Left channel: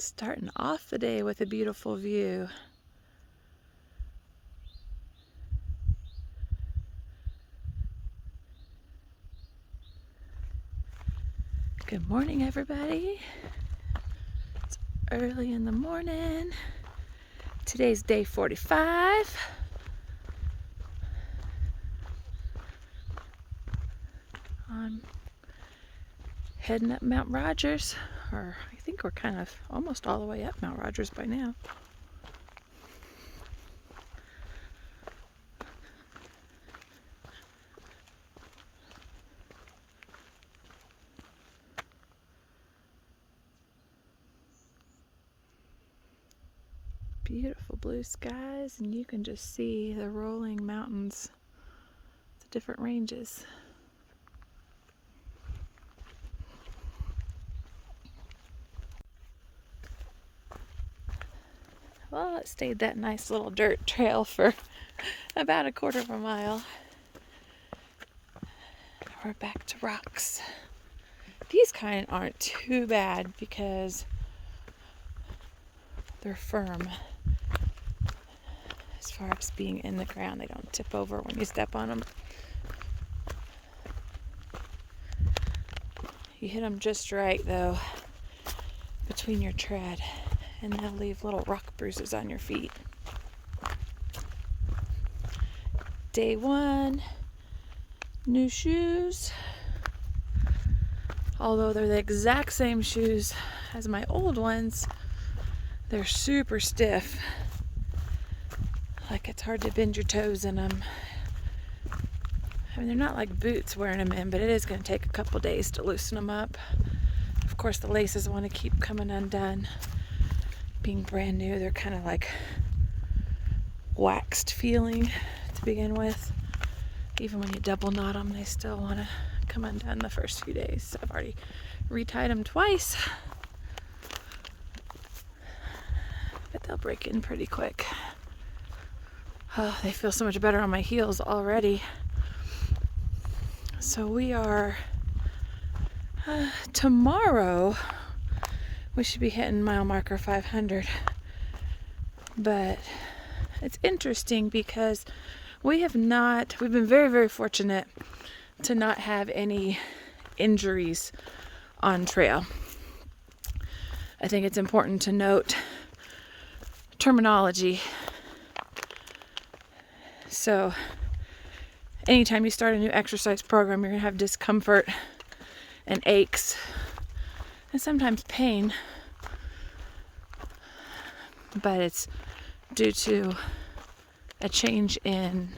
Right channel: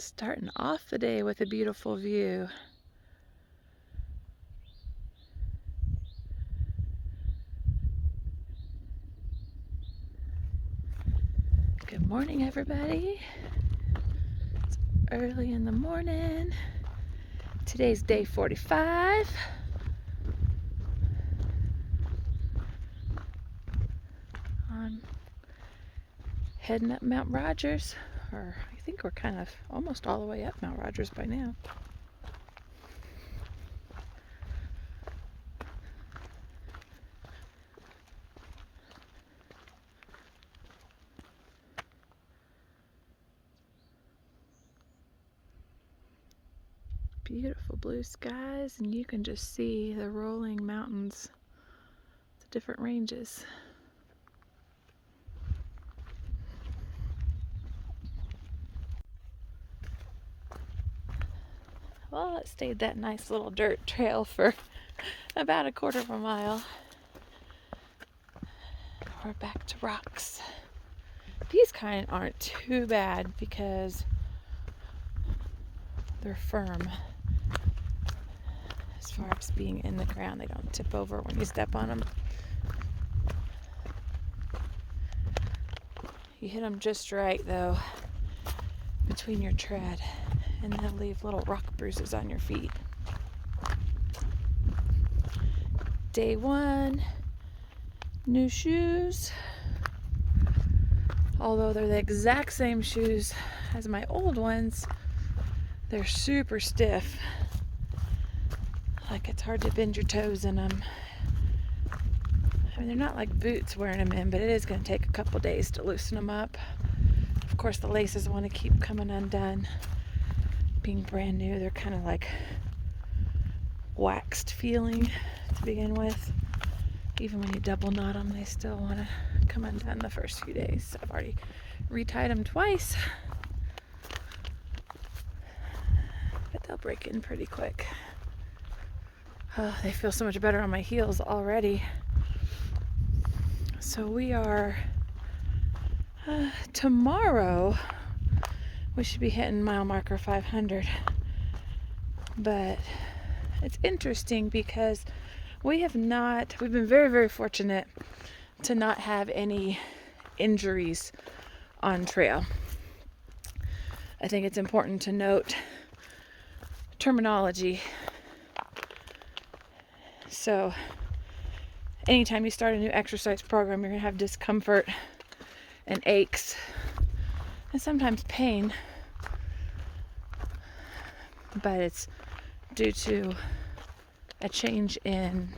Starting off the day with a beautiful view. Good morning, everybody. It's early in the morning. Today's day 45. I'm heading up Mount Rogers, or I think we're kind of almost all the way up Mount Rogers by now. Beautiful blue skies, and you can just see the rolling mountains, the different ranges. Well, it stayed that nice little dirt trail for about a quarter of a mile. We're back to rocks. These kind aren't too bad because they're firm. As far as being in the ground, they don't tip over when you step on them. You hit them just right, though, between your tread, and they'll leave little rock bruises on your feet. Day 1, new shoes. Although they're the exact same shoes as my old ones, they're super stiff. Like it's hard to bend your toes in them. I mean, they're not like boots wearing them in, but it is going to take a couple days to loosen them up. Of course, the laces want to keep coming undone. Being brand new, they're kind of like waxed feeling to begin with. Even when you double knot them, they still want to come undone the first few days. So I've already retied them twice, but they'll break in pretty quick. Oh, they feel so much better on my heels already. So we are, tomorrow, we should be hitting mile marker 500. But it's interesting because we've been very, very fortunate to not have any injuries on trail. I think it's important to note terminology. So anytime you start a new exercise program, you're going to have discomfort and aches and sometimes pain, but it's due to a change in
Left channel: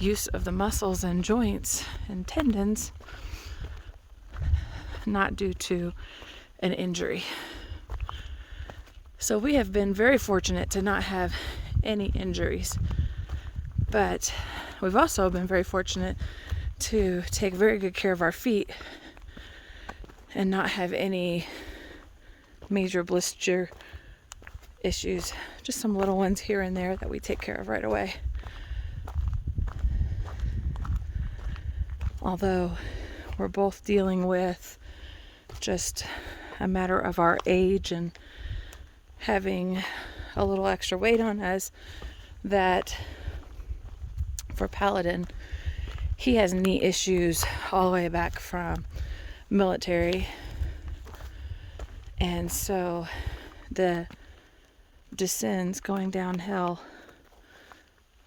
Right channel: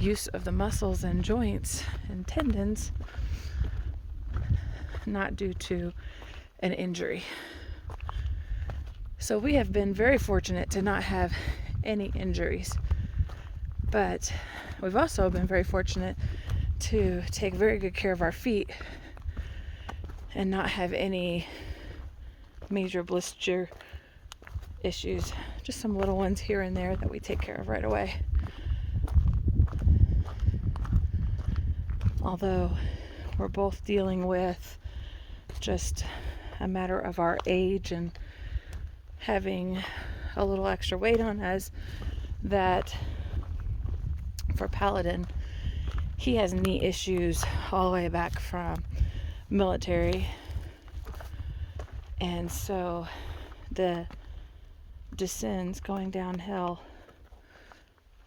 use of the muscles and joints and tendons, not due to an injury. So we have been very fortunate to not have any injuries, but we've also been very fortunate to take very good care of our feet and not have any major blister issues, just some little ones here and there that we take care of right away. Although we're both dealing with just a matter of our age and having a little extra weight on us, that for Paladin, he has knee issues all the way back from military, and so the descends going downhill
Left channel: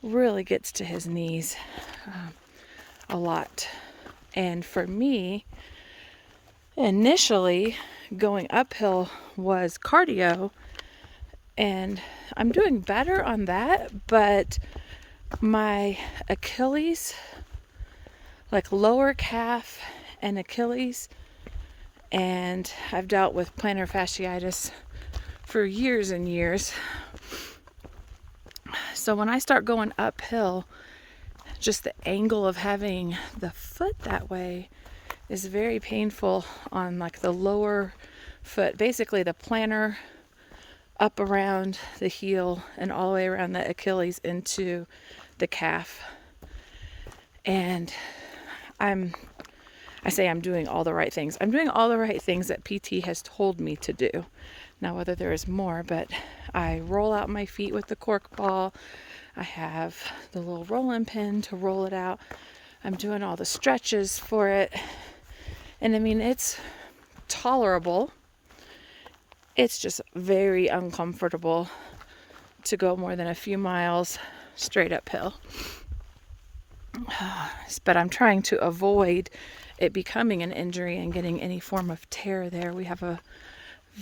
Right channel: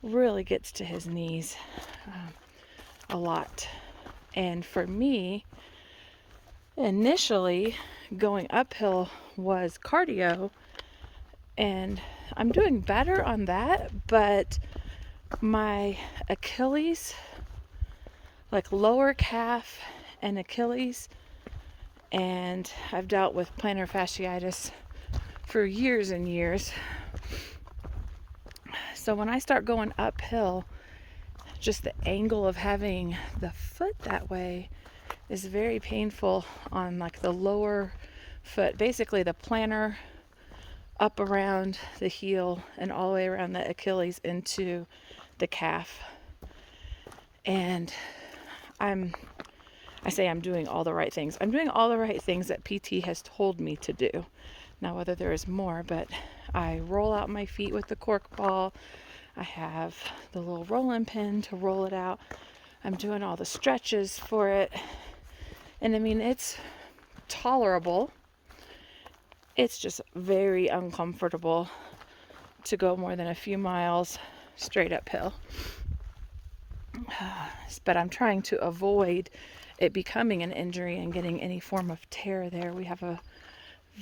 really gets to his knees a lot. And for me, initially going uphill was cardio, and I'm doing better on that, but my Achilles, like lower calf and Achilles, and I've dealt with plantar fasciitis for years and years. So when I start going uphill, just the angle of having the foot that way is very painful on like the lower foot, basically the plantar up around the heel and all the way around the Achilles into the calf. And I say I'm doing all the right things. I'm doing all the right things that PT has told me to do. Now, whether there is more, but I roll out my feet with the cork ball. I have the little rolling pin to roll it out. I'm doing all the stretches for it. And I mean, it's tolerable. It's just very uncomfortable to go more than a few miles straight uphill. But I'm trying to avoid it becoming an injury and getting any form of tear there. We have a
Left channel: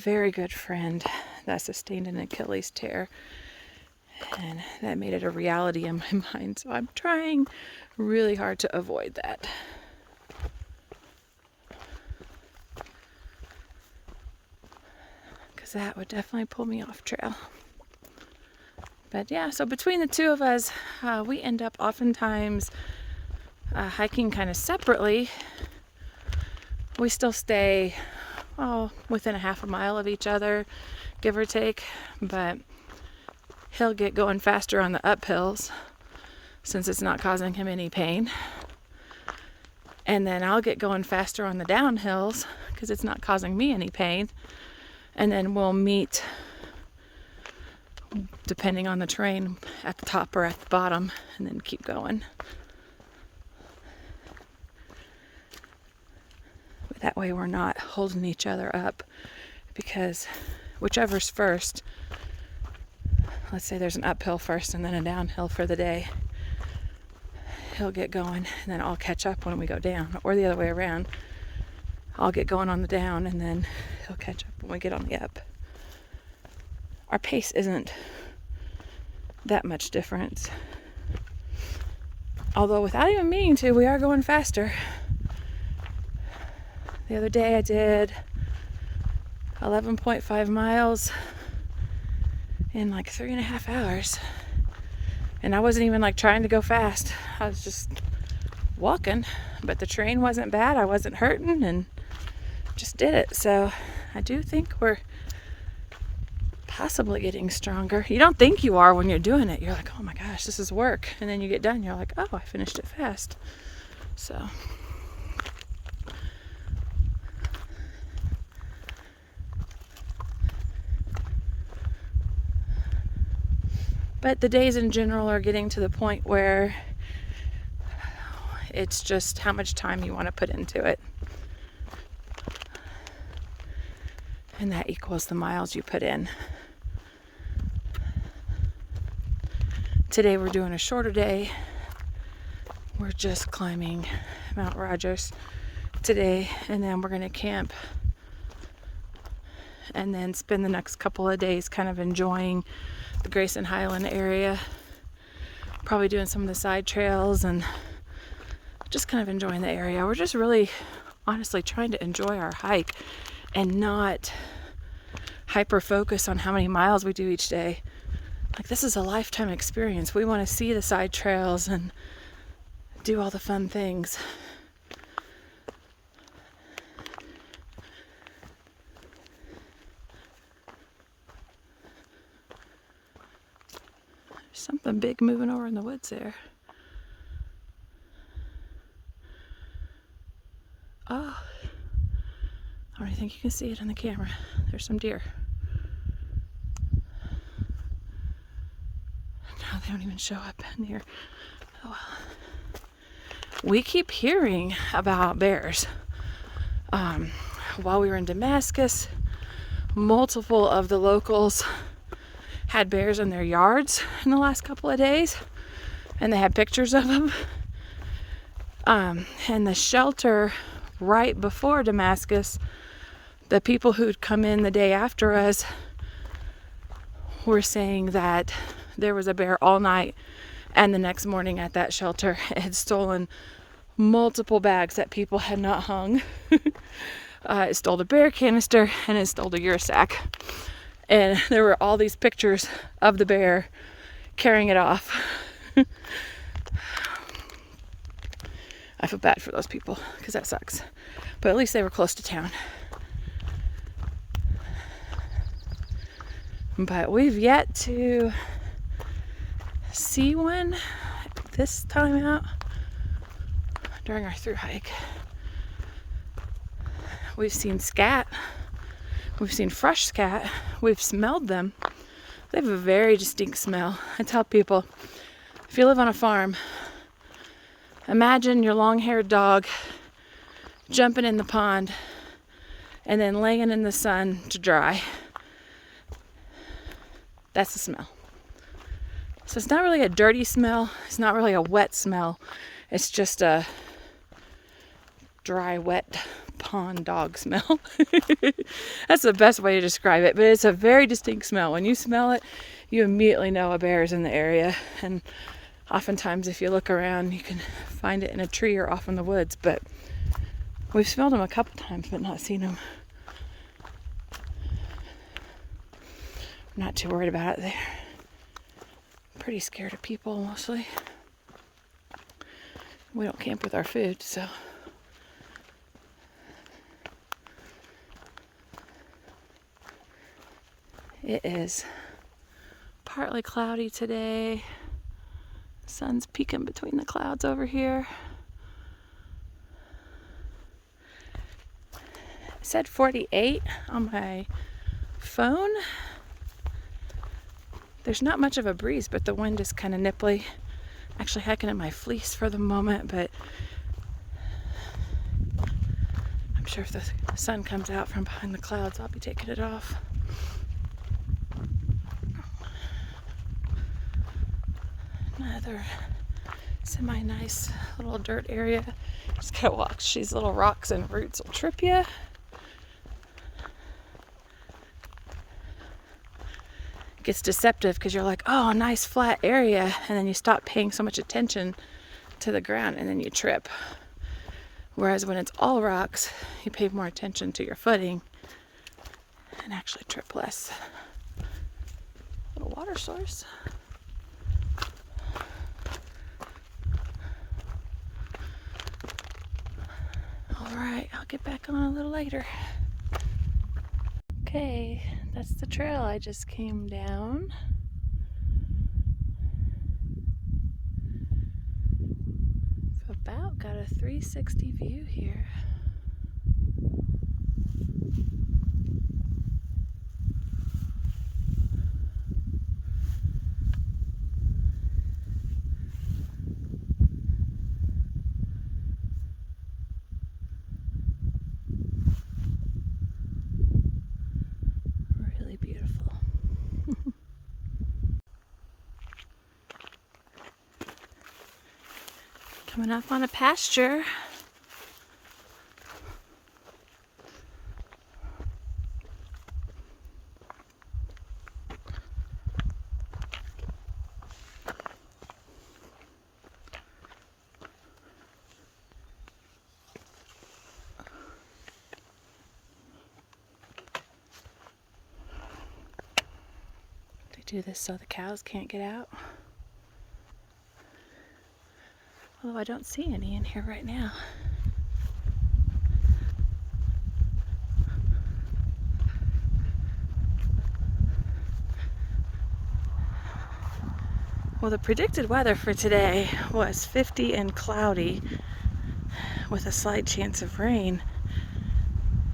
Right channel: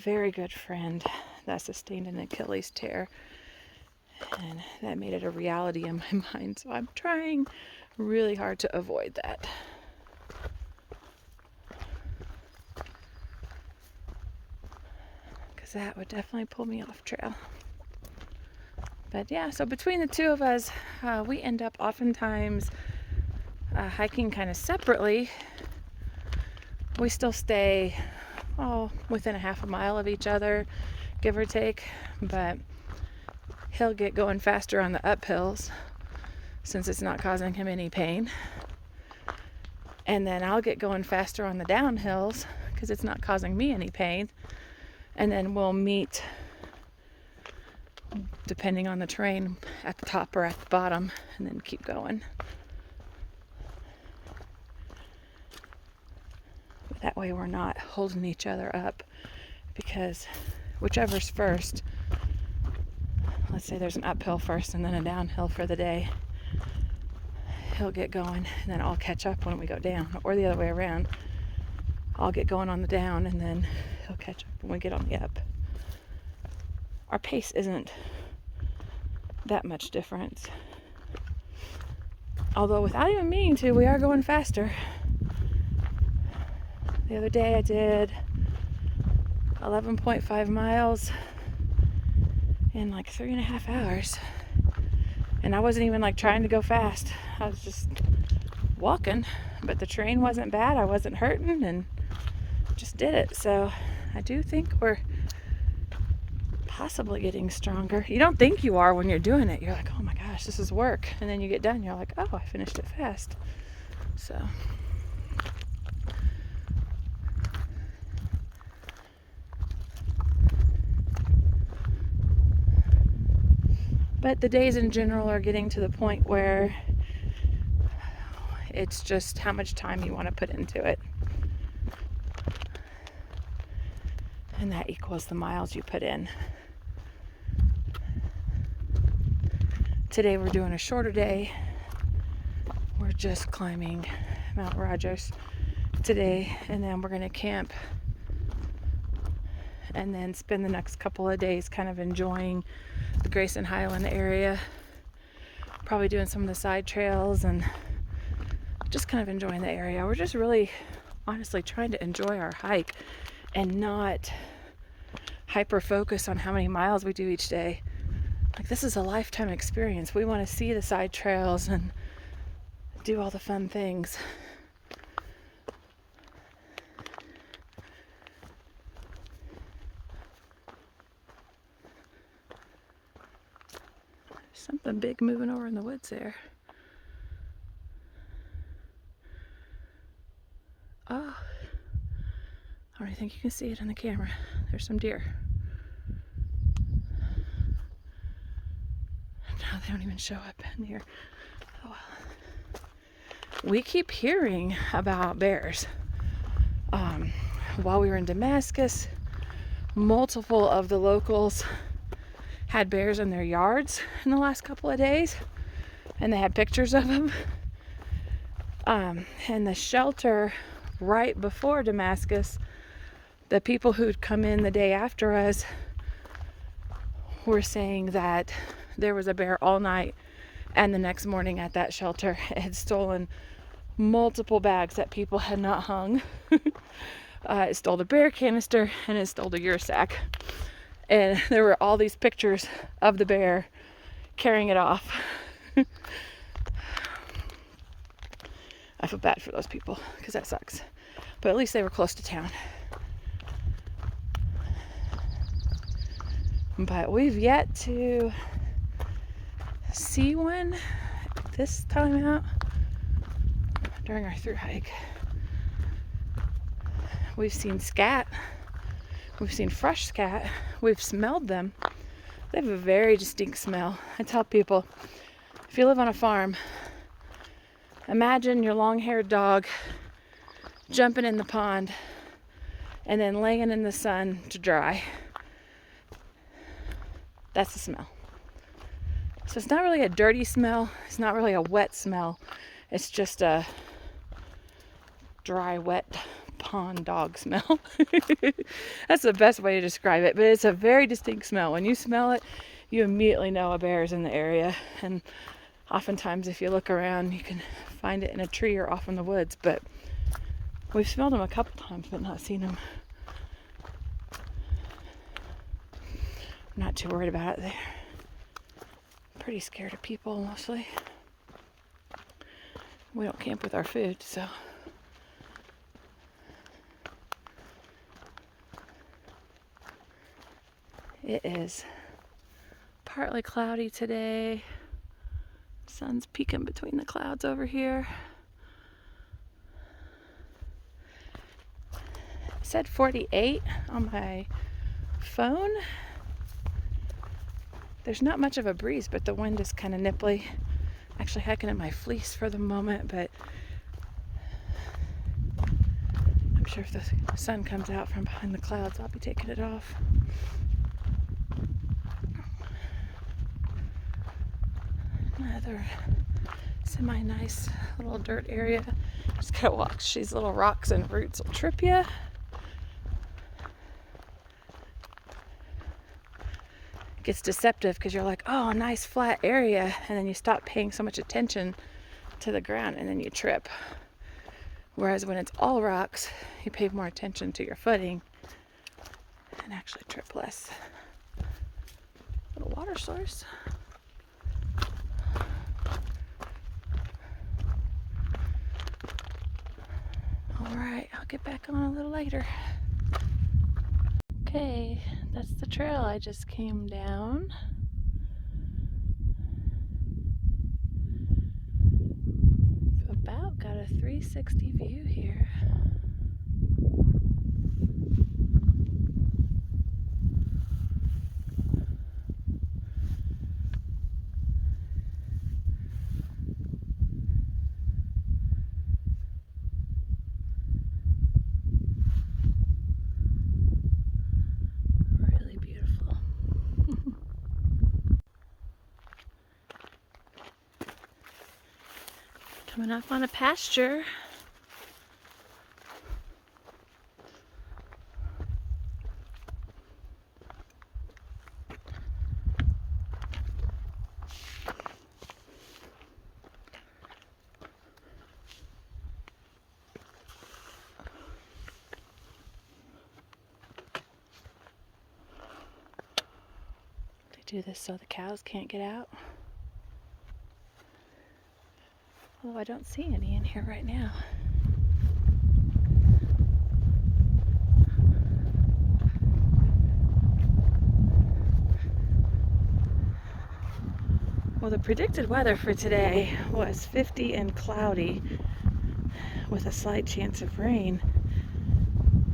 very good friend that sustained an Achilles tear, and that made it a reality in my mind. So I'm trying really hard to avoid that. Because that would definitely pull me off trail. But yeah, so between the two of us, we end up oftentimes hiking kind of separately. We still stay within a half a mile of each other, give or take, but he'll get going faster on the uphills since it's not causing him any pain. And then I'll get going faster on the downhills because it's not causing me any pain. And then we'll meet, depending on the terrain, at the top or at the bottom, and then keep going. That way we're not holding each other up, because whichever's first, let's say there's an uphill first and then a downhill for the day, he'll get going and then I'll catch up when we go down, or the other way around. I'll get going on the down and then he'll catch up when we get on the up. Our pace isn't that much difference. Although without even meaning to, we are going faster. The other day I did 11.5 miles in like 3.5 hours. And I wasn't even like trying to go fast. I was just walking, but the terrain wasn't bad. I wasn't hurting and just did it. So I do think we're possibly getting stronger. You don't think you are when you're doing it. You're like, oh my gosh, this is work. And then you get done, you're like, oh, I finished it fast. So but the days in general are getting to the point where it's just how much time you want to put into it. And that equals the miles you put in. Today we're doing a shorter day. We're just climbing Mount Rogers today, and then we're going to camp and then spend the next couple of days kind of enjoying the Grayson Highland area, probably doing some of the side trails and just kind of enjoying the area. We're just really honestly trying to enjoy our hike and not hyper focus on how many miles we do each day. Like, this is a lifetime experience. We want to see the side trails and do all the fun things. Something big moving over in the woods there. Oh, I don't think you can see it on the camera. There's some deer. Now they don't even show up in here. Oh well. We keep hearing about bears. While we were in Damascus, multiple of the locals had bears in their yards in the last couple of days, and they had pictures of them. And the shelter right before Damascus, the people who'd come in the day after us were saying that there was a bear all night, and the next morning at that shelter it had stolen multiple bags that people had not hung. It stole the bear canister and it stole the gear sack. And there were all these pictures of the bear carrying it off. I feel bad for those people because that sucks. But at least they were close to town. But we've yet to see one this time out during our through hike. We've seen scat. We've seen fresh scat. We've smelled them. They have a very distinct smell. I tell people, if you live on a farm, imagine your long-haired dog jumping in the pond and then laying in the sun to dry. That's the smell. So it's not really a dirty smell. It's not really a wet smell. It's just a dry, wet pond dog smell. That's the best way to describe it. But it's a very distinct smell. When you smell it, you immediately know a bear is in the area. And oftentimes if you look around, you can find it in a tree or off in the woods. But we've smelled them a couple times, but not seen them. I'm not too worried about it. They're pretty scared of people mostly. We don't camp with our food, so. It is partly cloudy today. Sun's peeking between the clouds over here. It said 48 on my phone. There's not much of a breeze, but the wind is kind of nipply. I'm actually hiking in my fleece for the moment, but I'm sure if the sun comes out from behind the clouds, I'll be taking it off. Another semi-nice little dirt area. Just gotta watch these little rocks and roots will trip you. Gets deceptive because you're like, oh, nice flat area, and then you stop paying so much attention to the ground and then you trip. Whereas when it's all rocks, you pay more attention to your footing and actually trip less. Little water source. Alright, I'll get back on a little later. Okay, that's the trail I just came down. I've about got a 360 view here. Really beautiful. Coming up on a pasture. They do this so the cows can't get out. Although I don't see any in here right now. Well, the predicted weather for today was 50 and cloudy with a slight chance of rain.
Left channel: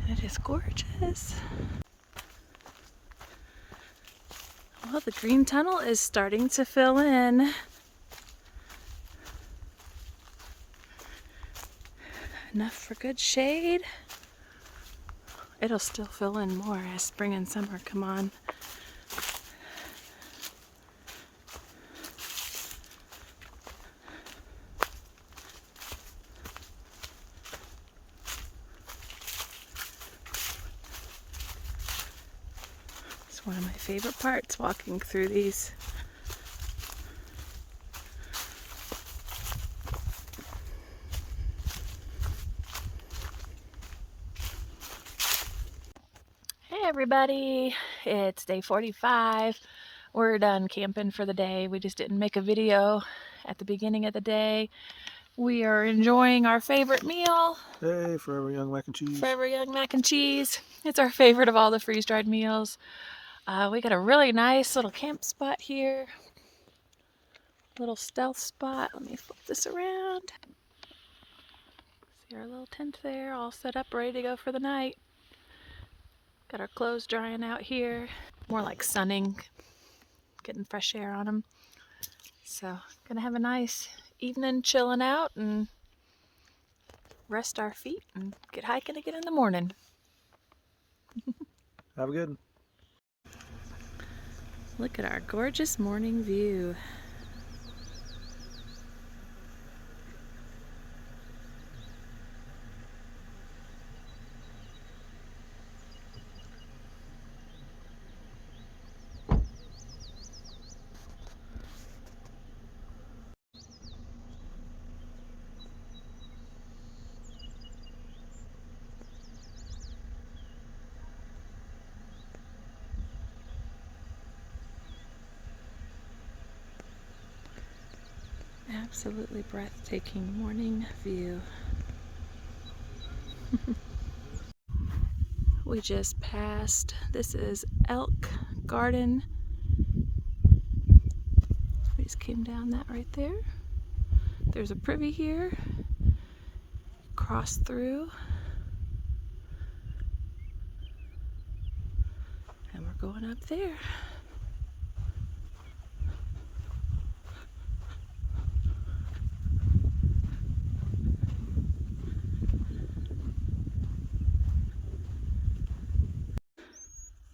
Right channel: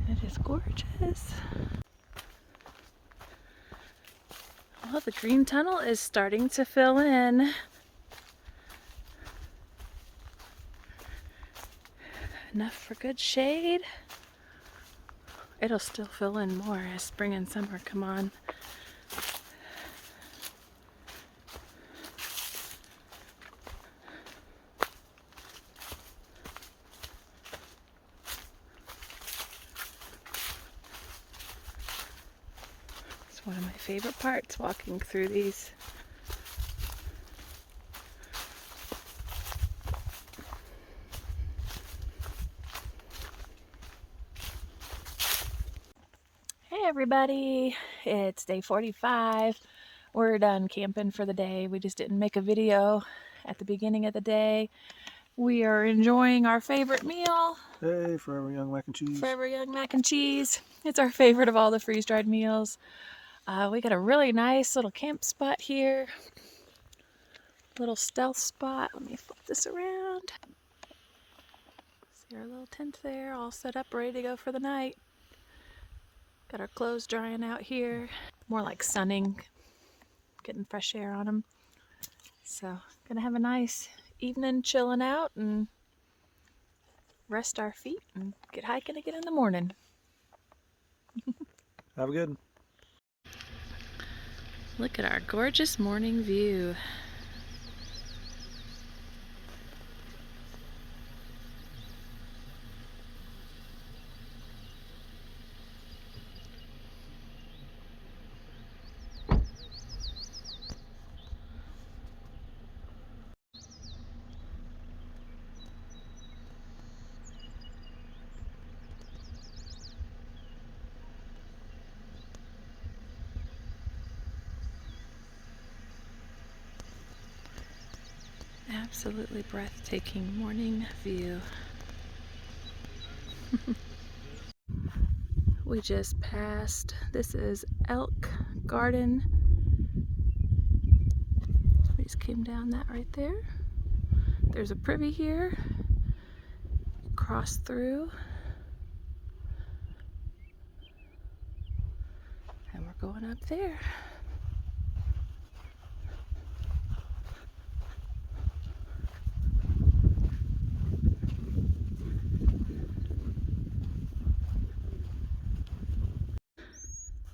It is gorgeous. Well, the green tunnel is starting to fill in. Enough for good shade. It'll still fill in more as spring and summer come on. It's one of my favorite parts, walking through these. Hey everybody, it's day 45. We're done camping for the day. We just didn't make a video at the beginning of the day. We are enjoying our favorite meal. Hey, Forever Young Mac and Cheese. Forever Young Mac and Cheese. It's our favorite of all the freeze-dried meals. We got a really nice little camp spot here. Little stealth spot. Let me flip this around. See our little tent there, all set up, ready to go for the night. Got our clothes drying out here. More like sunning, getting fresh air on them. So, gonna have a nice evening chilling out and rest our feet and get hiking again in the morning. Have a good one. Look at our gorgeous morning view. Absolutely breathtaking morning view. We just passed, this is Elk Garden. We just came down that right there. There's a privy here. Cross through. And we're going up there.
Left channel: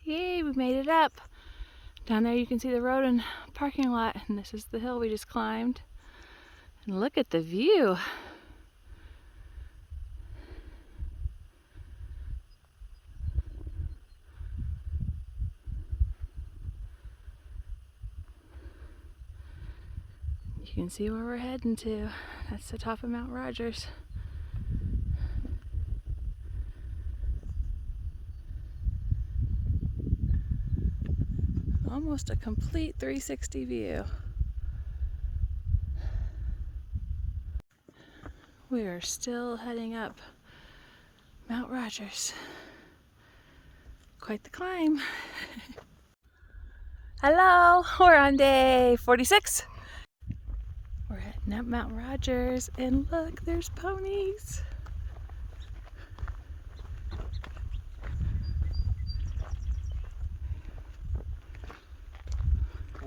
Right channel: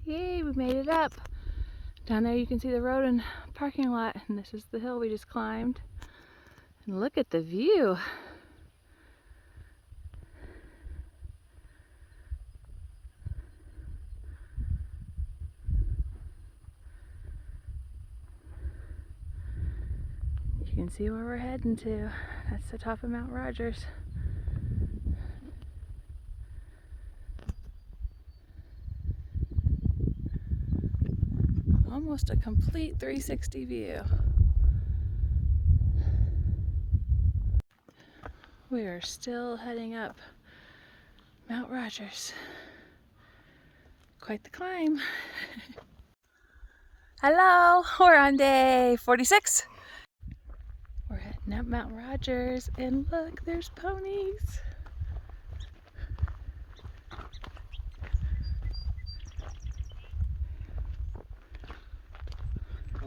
Yay, we made it up. Down there you can see the road and parking lot, and this is the hill we just climbed. And look at the view. You can see where we're heading to. That's the top of Mount Rogers. Almost a complete 360 view. We are still heading up Mount Rogers. Quite the climb. Hello, we're on day 46. We're heading up Mount Rogers, and look, there's ponies.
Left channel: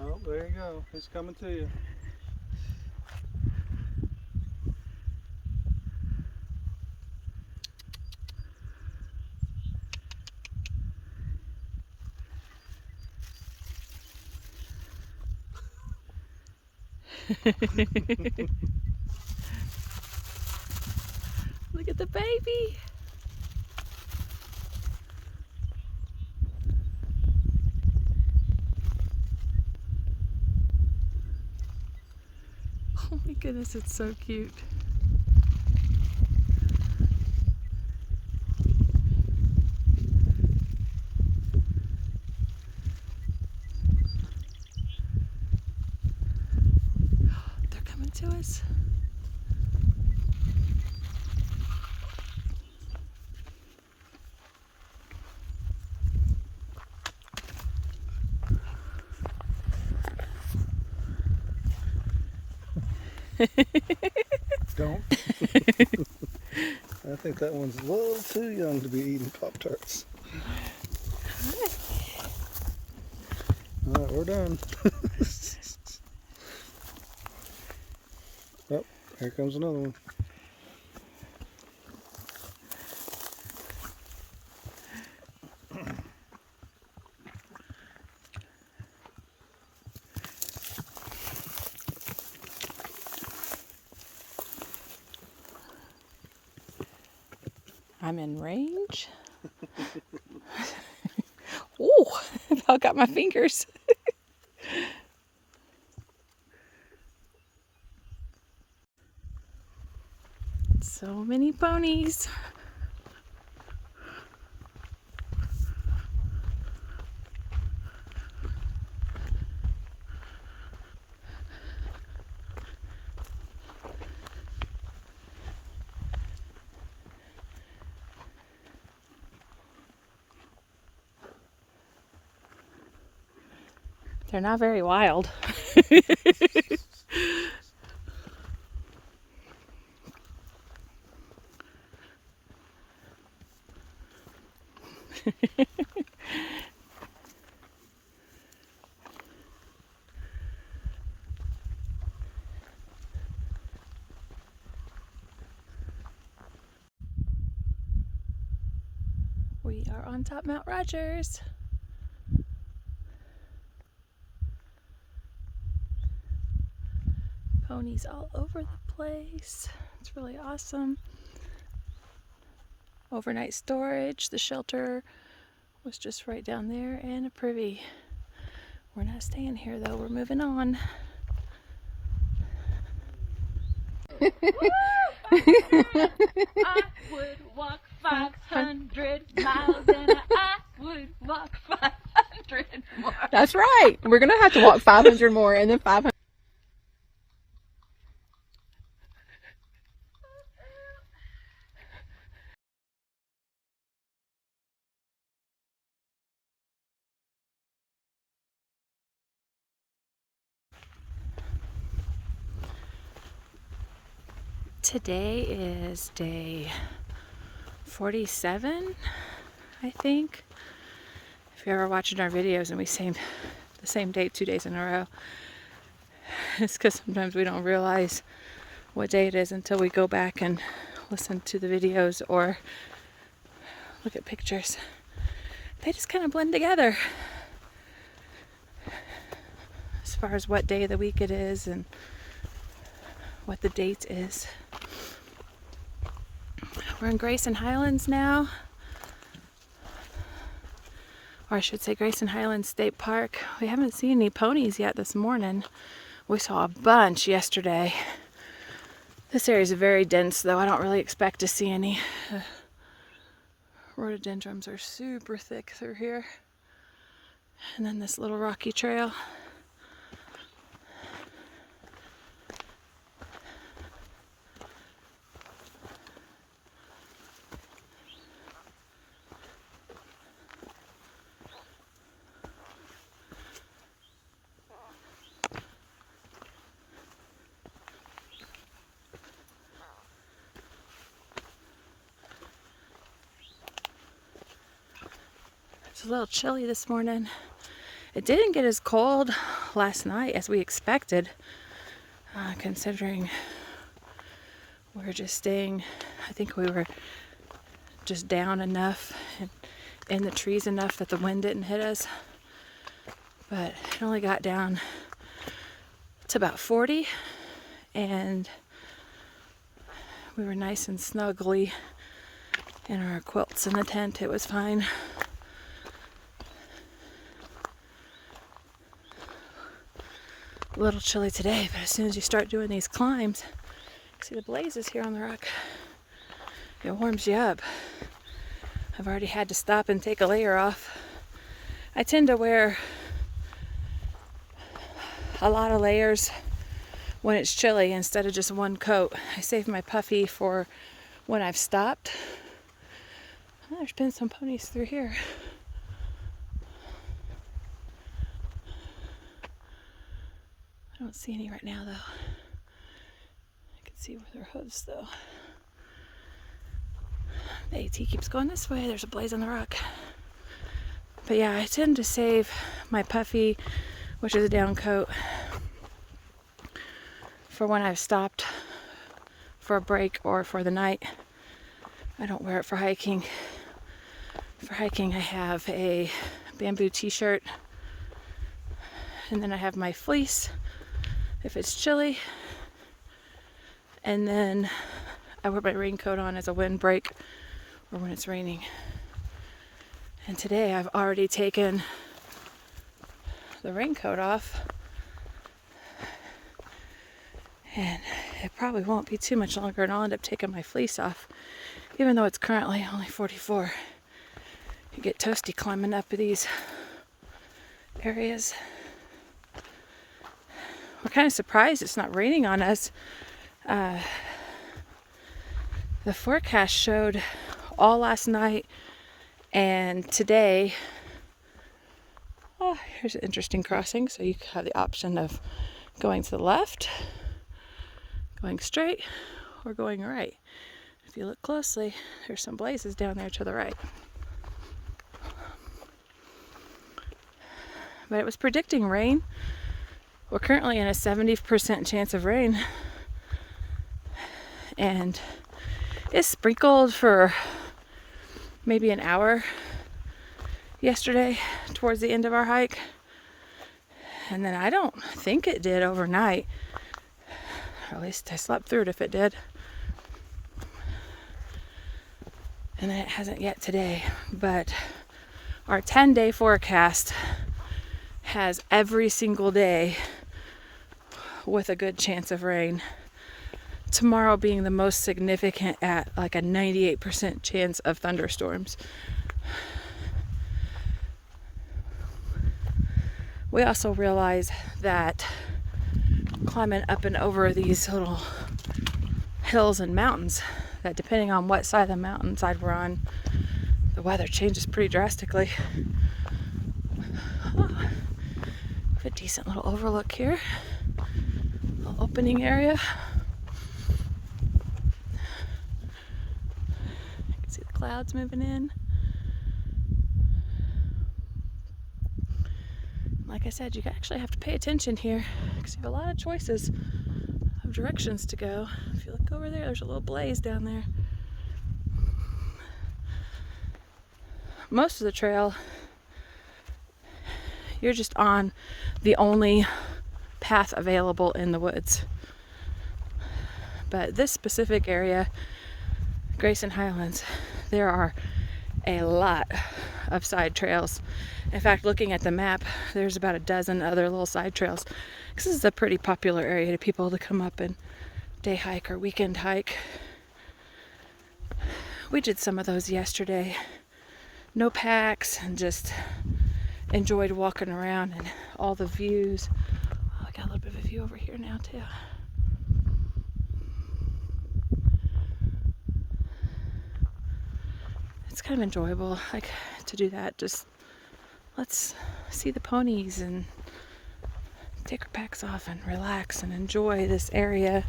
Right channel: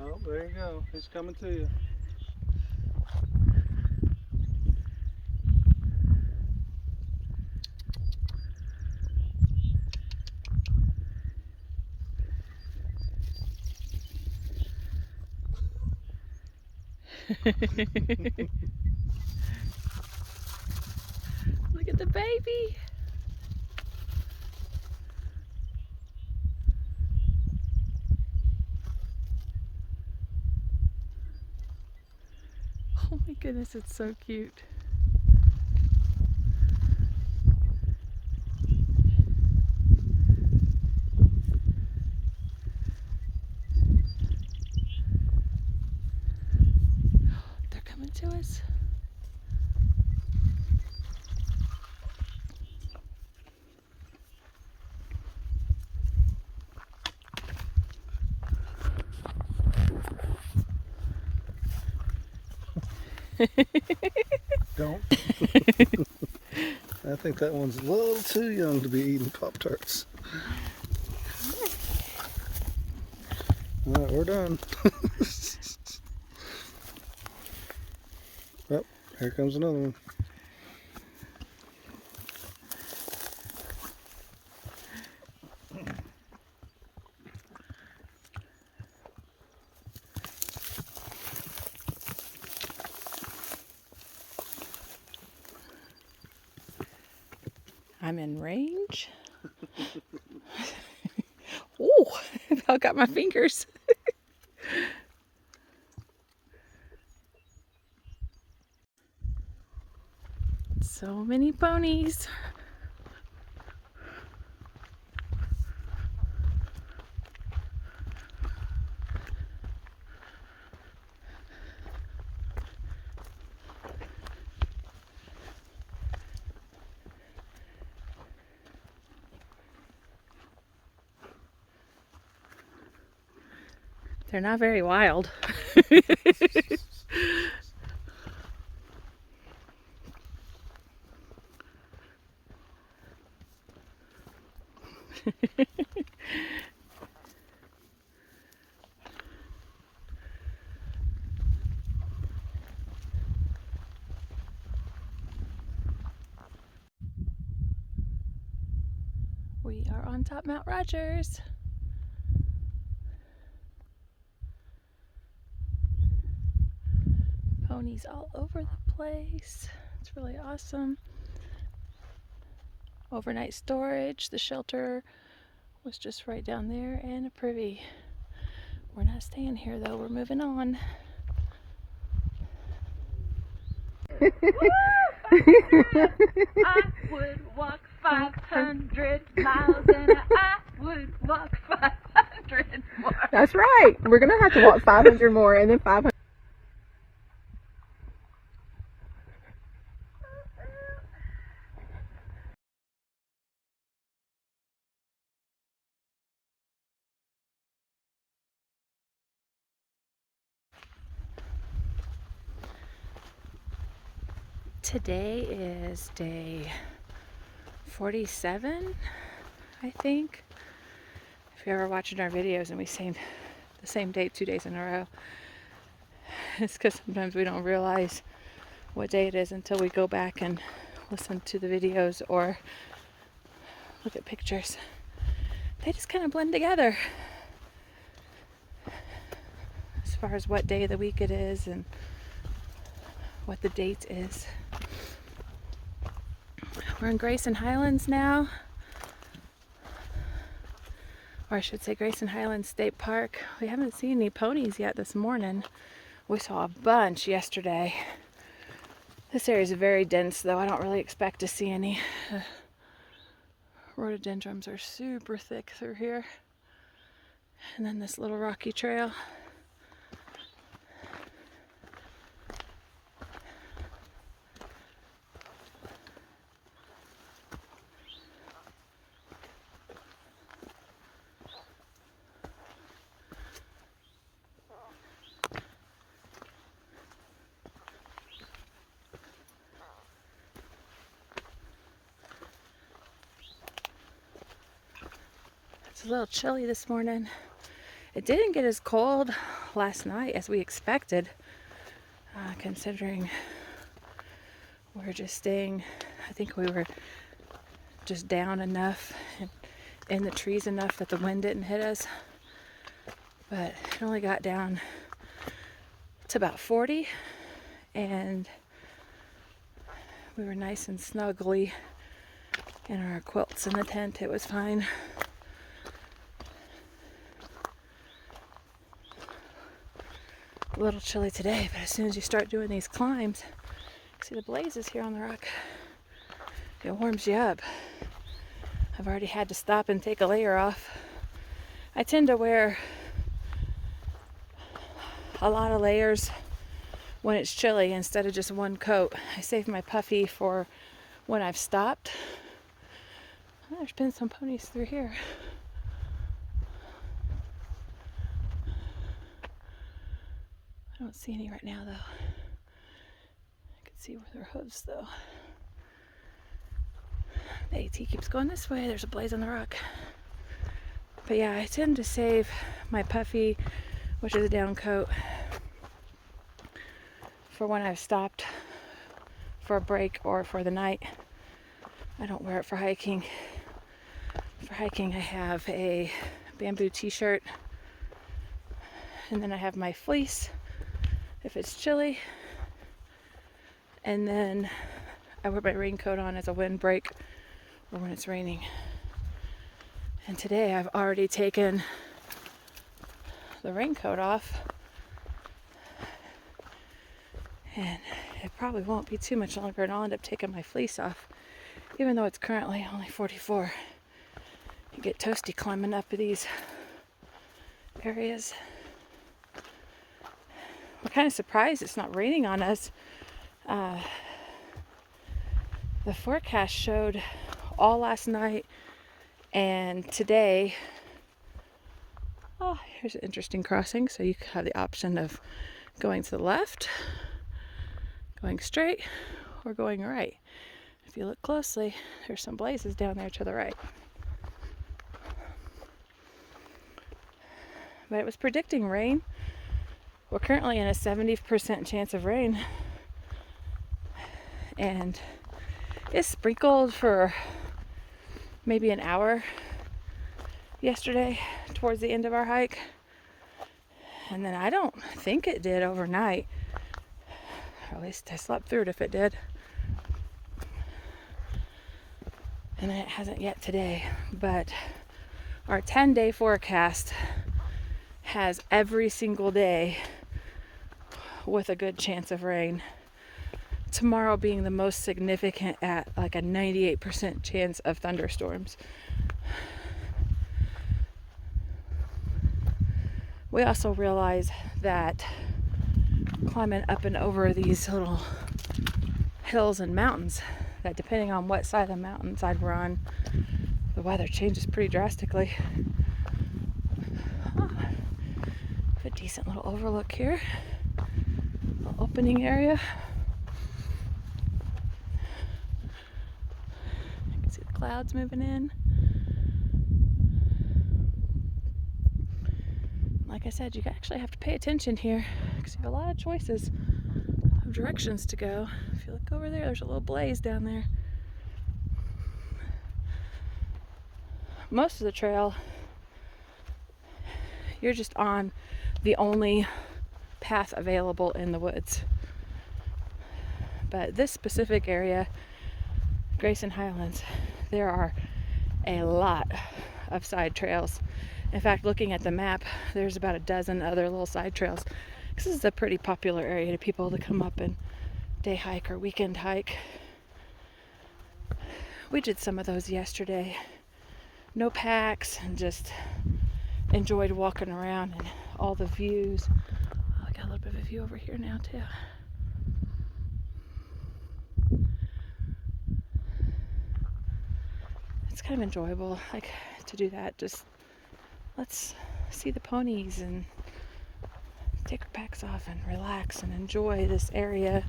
Oh, there you go. It's coming to you. Look at the baby. Oh my goodness, it's so cute. They're coming to us. Don't. I think that one's a little too young to be eating Pop-Tarts. Well, we're done. Oh, here comes another one. I'm in range. Oh, I got my fingers. So many ponies. They're not very wild. We are on top Mount Rogers. Ponies all over the place. It's really awesome. Overnight storage. The shelter was just right down there, and a privy. We're not staying here though, we're moving on. I would walk 500 miles and I would walk 500 more. That's right. We're going to have to walk 500 more and then 500. Today is day 47, I think. If you're ever watching our videos and we say the same date 2 days in a row, it's because sometimes we don't realize what day it is until we go back and listen to the videos or look at pictures. They just kind of blend together as far as what day of the week it is and what the date is. We're in Grayson Highlands now, or I should say Grayson Highlands State Park. We haven't seen any ponies yet this morning. We saw a bunch yesterday. This area is very dense though. I don't really expect to see any. Rhododendrons are super thick through here. And then this little rocky trail. It's a little chilly this morning. It didn't get as cold last night as we expected, considering we were just staying, I think we were just down enough and in the trees enough that the wind didn't hit us. But it only got down to about 40, and we were nice and snugly in our quilts in the tent. It was fine. A little chilly today, but as soon as you start doing these climbs, see the blazes here on the rock, it warms you up. I've already had to stop and take a layer off. I tend to wear a lot of layers when it's chilly instead of just one coat. I save my puffy for when I've stopped. Oh, there's been some ponies through here. I don't see any right now though. I can see where their hooves though. The AT keeps going this way. There's a blaze on the rock. But yeah, I tend to save my puffy, which is a down coat, for when I've stopped for a break or for the night. I don't wear it for hiking. For hiking I have a bamboo t-shirt, and then I have my fleece if it's chilly, and then I wear my raincoat on as a windbreak or when it's raining. And today I've already taken the raincoat off, and it probably won't be too much longer and I'll end up taking my fleece off, even though it's currently only 44. You get toasty climbing up these areas. We're kind of surprised it's not raining on us. The forecast showed all last night and today. Oh, here's an interesting crossing. So you have the option of going to the left, going straight, or going right. If you look closely, there's some blazes down there to the right. But it was predicting rain. We're currently in a 70% chance of rain, and it's sprinkled for maybe an hour yesterday towards the end of our hike. And then I don't think it did overnight. Or at least I slept through it if it did. And then it hasn't yet today. But our 10-day forecast has every single day with a good chance of rain. Tomorrow being the most significant at like a 98% chance of thunderstorms. We also realize that climbing up and over these little hills and mountains, that depending on what side of the mountainside we're on, the weather changes pretty drastically. Oh, good decent little overlook here. Little opening area. I can see the clouds moving in. Like I said, you actually have to pay attention here because you have a lot of choices of directions to go. If you look over there, there's a little blaze down there. Most of the trail, you're just on the only path available in the woods. But this specific area, Grayson Highlands, there are a lot of side trails. In fact, looking at the map, there's about a dozen other little side trails. This is a pretty popular area to people to come up and day hike or weekend hike. We did some of those yesterday. No packs, and just enjoyed walking around and all the views. Oh, I got a little bit of a view over here now too. It's kind of enjoyable, like, to do that. Just let's see the ponies and take our packs off and relax and enjoy this area.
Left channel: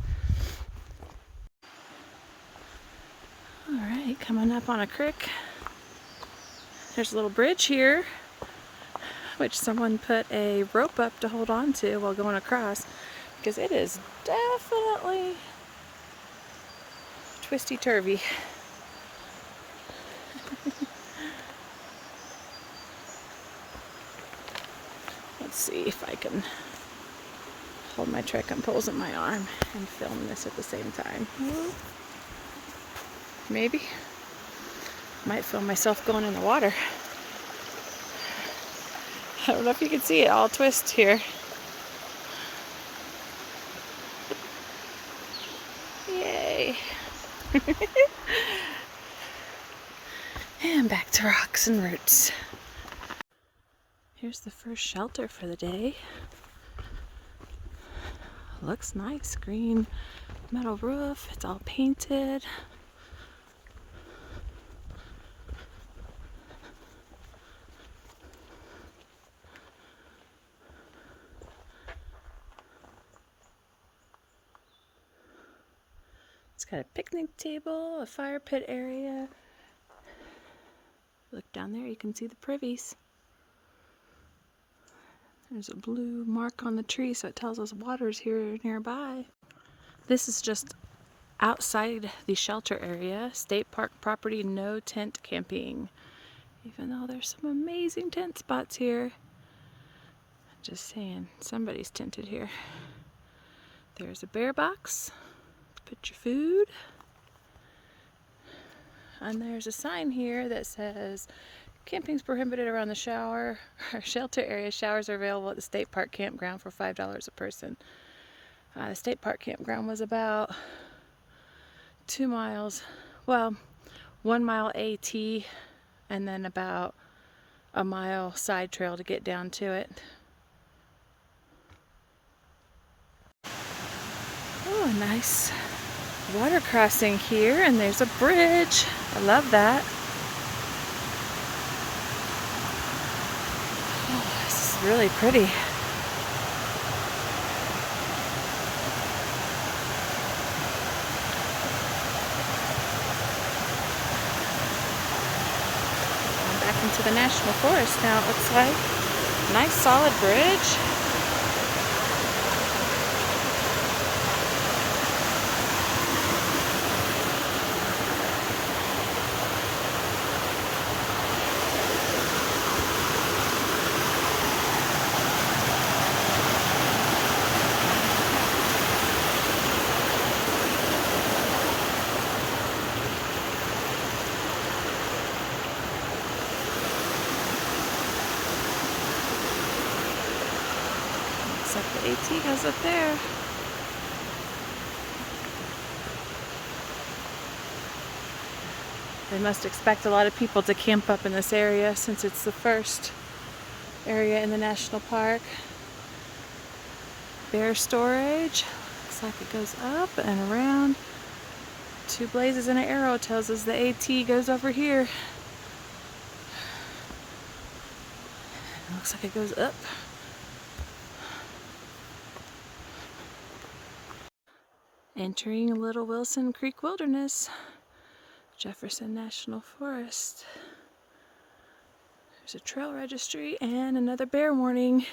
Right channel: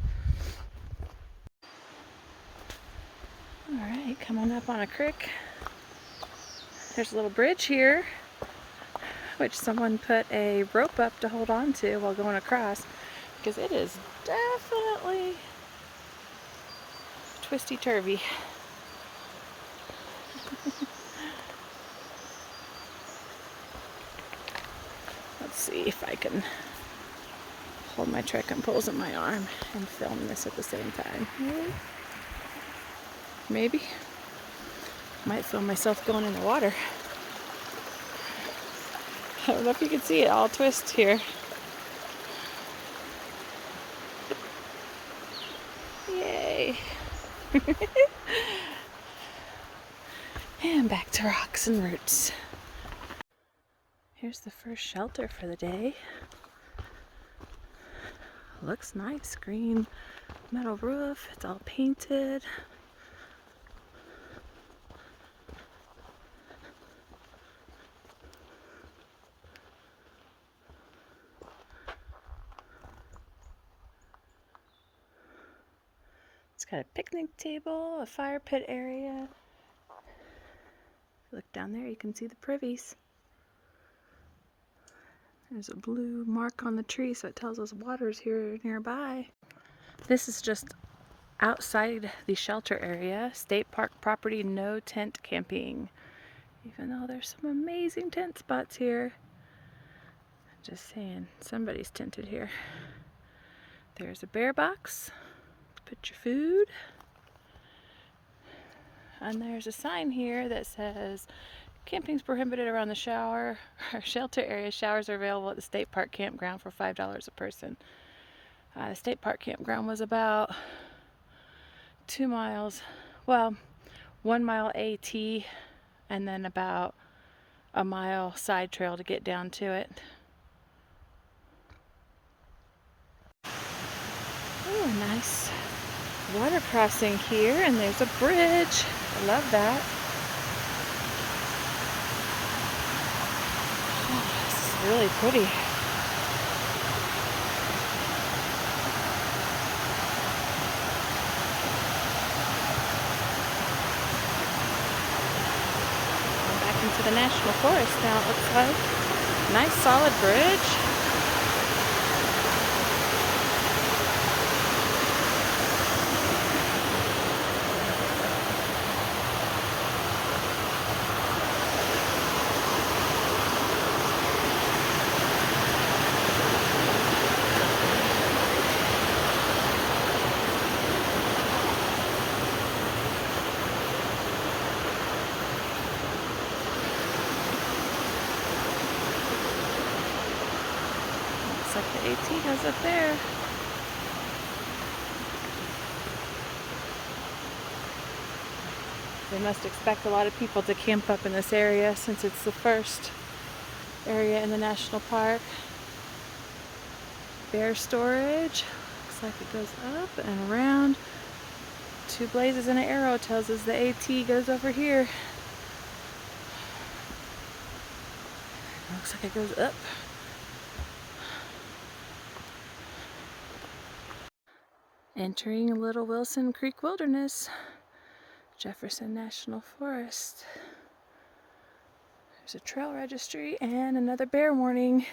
Alright, coming up on a creek. There's a little bridge here, which someone put a rope up to hold on to while going across, because it is definitely twisty-turvy. Let's see if I can hold my trekking poles in my arm and film this at the same time. Maybe. Might film myself going in the water. I don't know if you can see it, all twist here. Yay. And back to rocks and roots. Here's the first shelter for the day. Looks nice, green metal roof, it's all painted. It's got a picnic table, a fire pit area. Look down there, you can see the privies. There's a blue mark on the tree, so it tells us water's here nearby. This is just outside the shelter area. State park property, no tent camping. Even though there's some amazing tent spots here. Just saying, somebody's tented here. There's a bear box. Put your food. And there's a sign here that says camping's prohibited around the shower or shelter area. Showers are available at the state park campground for $5 a person. The state park campground was about 2 miles, well, 1 mile AT, and then about a mile side trail to get down to it. Oh, nice water crossing here, and there's a bridge. I love that. Oh, this is really pretty. Going back into the national forest now, it looks like. Nice solid bridge. Looks like the AT goes up there. They must expect a lot of people to camp up in this area since it's the first area in the national park. Bear storage. Looks like it goes up and around. Two blazes and an arrow tells us the AT goes over here. Looks like it goes up. Entering Little Wilson Creek Wilderness, Jefferson National Forest. There's a trail registry and another bear warning.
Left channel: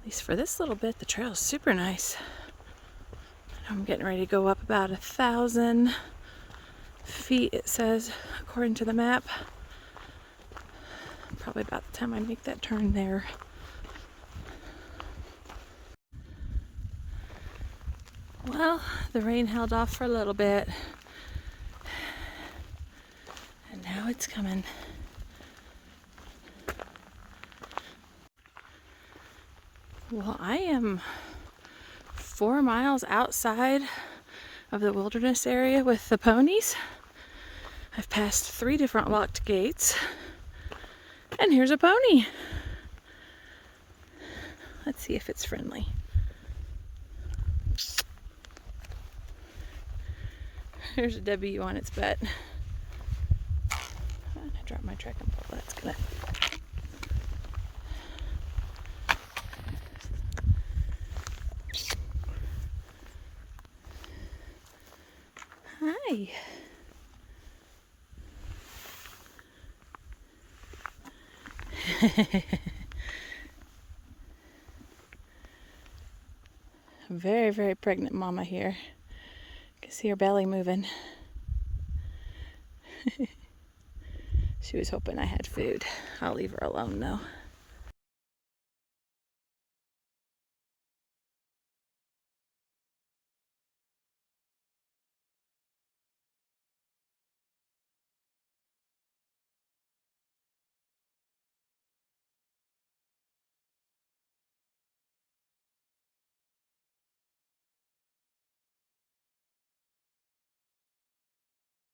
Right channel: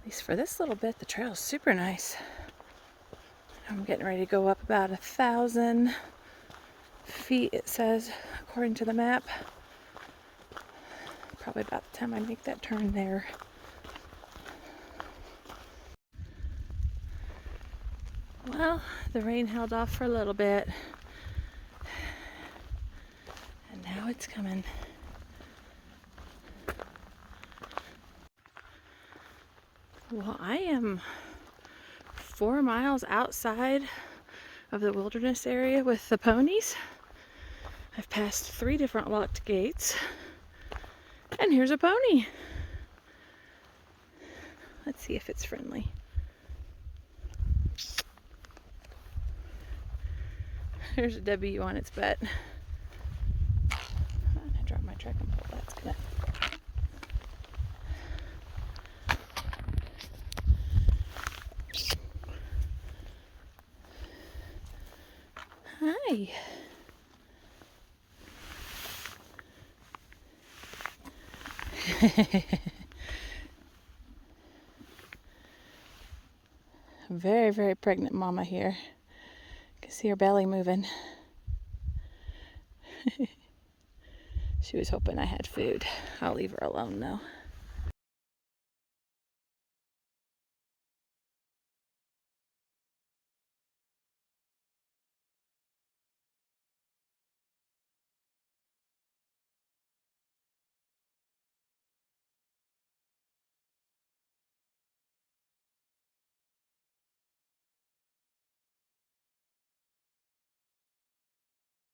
At least for this little bit, the trail is super nice. I'm getting ready to go up about 1,000 feet, it says, according to the map. Probably about the time I make that turn there. Well, the rain held off for a little bit. And now it's coming. Well, I am 4 miles outside of the wilderness area with the ponies. I've passed 3 different locked gates. And here's a pony. Let's see if it's friendly. There's a W on its butt. I dropped my trekking pole. That's gonna. Hi. Very, very pregnant mama here. You can see her belly moving. She was hoping I had food. I'll leave her alone though.